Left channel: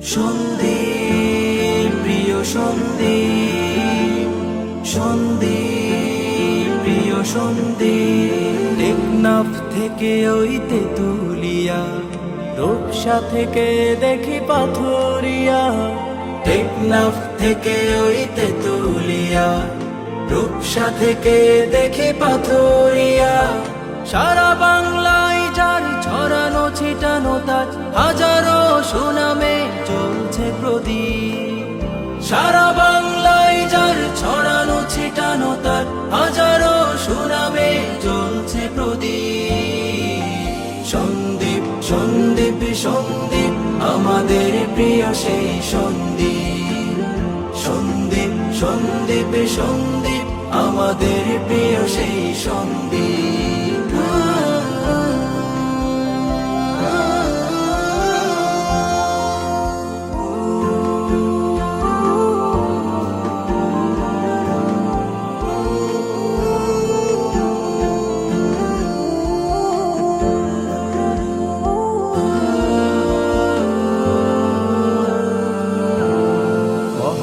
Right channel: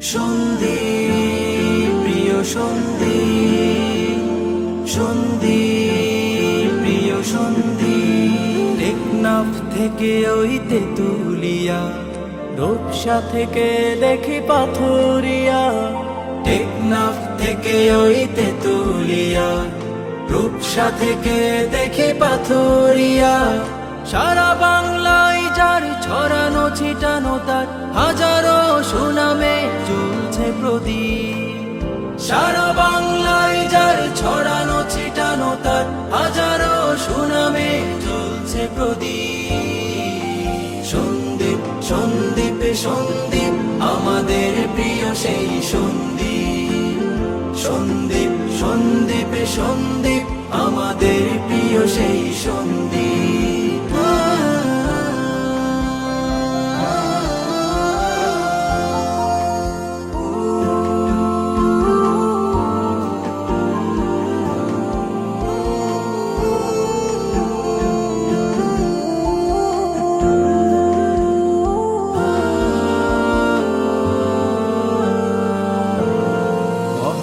সন্দীপ প্রিয় সন্দীপ সন্দীপ প্রিয় সন্দীপ টেকনাফ থেকে ওই তেতুলিয়া, রূপসা থেকে দেখি পাথরিয়া। টেকনাফ থেকে ওই তেতুলিয়া, রূপসা থেকে দেখি পাথরিয়া। সারা বাংলায় যার ছড়ানো ছিটানো তার হাজারো সুনামে জ্বলছে প্রদীপ। সারা বাংলায় যার ছড়ানো ছিটানো তার হাজারো সুনামে জ্বলছে প্রদীপ। সন্দীপ সন্দীপ সন্দীপ, আমাদের প্রিয় সেই সন্দীপ। সন্দীপ সন্দীপ সন্দীপ, আমাদের প্রিয় সেই সন্দীপ।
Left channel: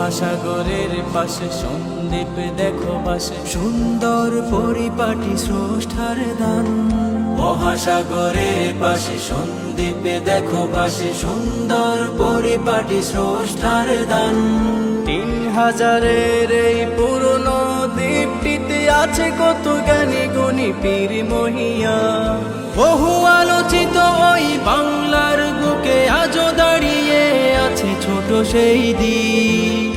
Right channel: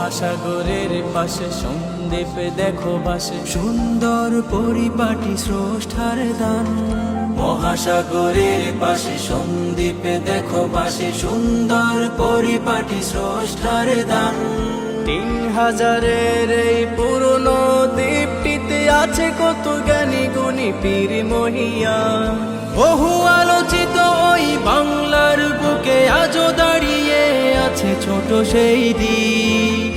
মহাসাগরের পাশে সন্দীপ দেখো বাসে। সুন্দর পরিপাটি স্রষ্টার দান। মহাসাগরের পাশে সন্দীপ দেখো বাসে। সুন্দর পরিপাটি স্রষ্টার দান। তিন হাজারের এই পুরনো দ্বীপটিতে আছে কত জ্ঞানী গুণী পীর মহিয়া। বহু আলোচিত ওই বাংলার বুকে আজও দাঁড়িয়ে আছে ছোট সেই দ্বীপ।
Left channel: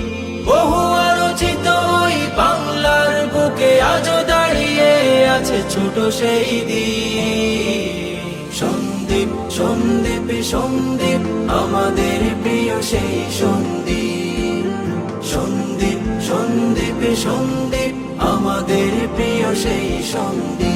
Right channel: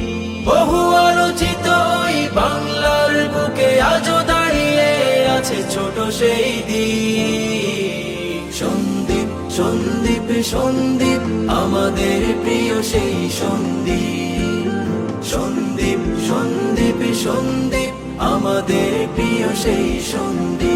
বহু আলোচিত ওই বাংলার বুকে আজও দাঁড়িয়ে আছে ছোট সেই দ্বীপ। সন্দীপ সন্দীপ সন্দীপ, আমাদের প্রিয় সেই সন্দীপ। সন্দীপ সন্দীপ সন্দীপ, আমাদের প্রিয় সেই সন্দীপ।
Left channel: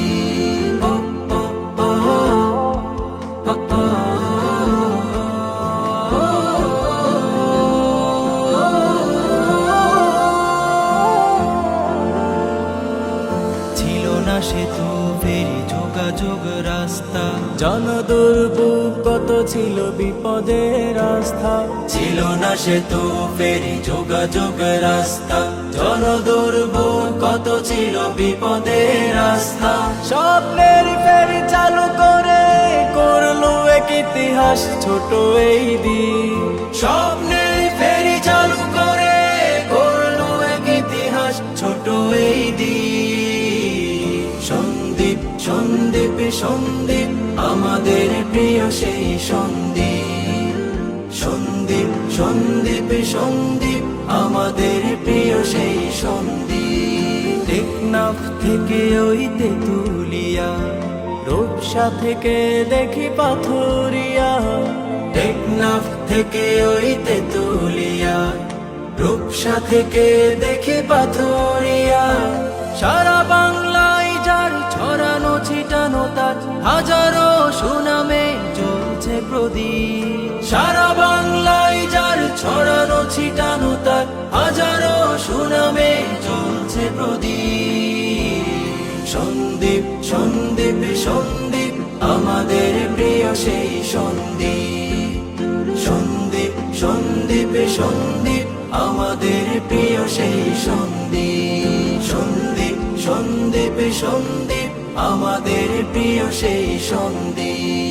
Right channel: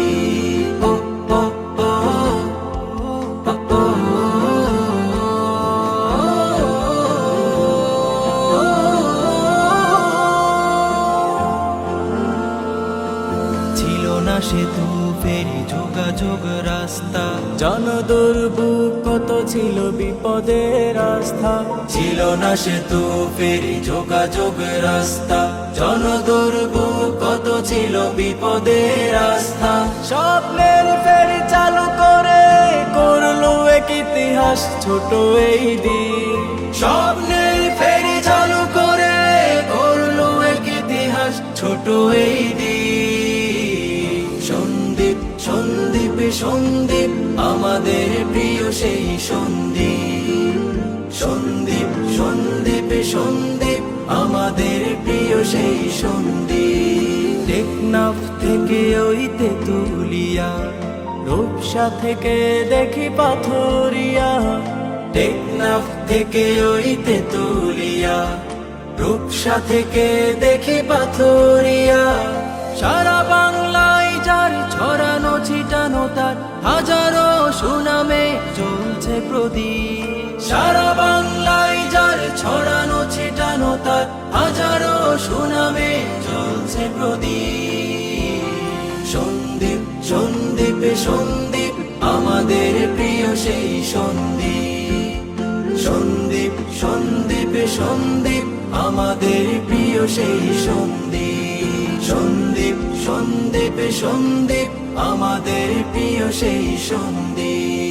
ছিল না সেতু ফেরি যোগাযোগ রাস্তা। জনদুর্ভোগ কত ছিল বিপদের রাস্তা ছিল না সেতু ফেরি যোগাযোগ রাস্তা। জনদুর্ভোগ কত ছিল বিপদের রাস্তা স্বপ্নের ফেরি চালু করে করল এক ইতিহাস ছোট এই দিন। সন্দীপ, আমাদের প্রিয় সেই সন্দীপ। সন্দীপ সন্দীপ সন্দীপ, আমাদের প্রিয় সেই সন্দীপ। টেকনাফ থেকে ওই তেতুলিয়া, রূপসা থেকে দেখি পাথরিয়া। টেকনাফ থেকে ওই তেতুলিয়া, রূপসা থেকে দেখি পাথরিয়া। সারা ছড়ানো ছিটানো তার হাজারো সুনামে জ্বলছে প্রদীপ। সারা বাংলায় যার ছড়ানো ছিটানো তার হাজারো সুনামে জ্বলছে প্রদীপ। সন্দীপ সন্দীপ সন্দীপ, আমাদের প্রিয় সেই সন্দীপ। সন্দীপ সন্দীপ সন্দীপ, আমাদের প্রিয় সেই সন্দীপ। সন্দীপ সন্দীপ সন্দীপ আমাদের প্রিয় সেই সন্দীপ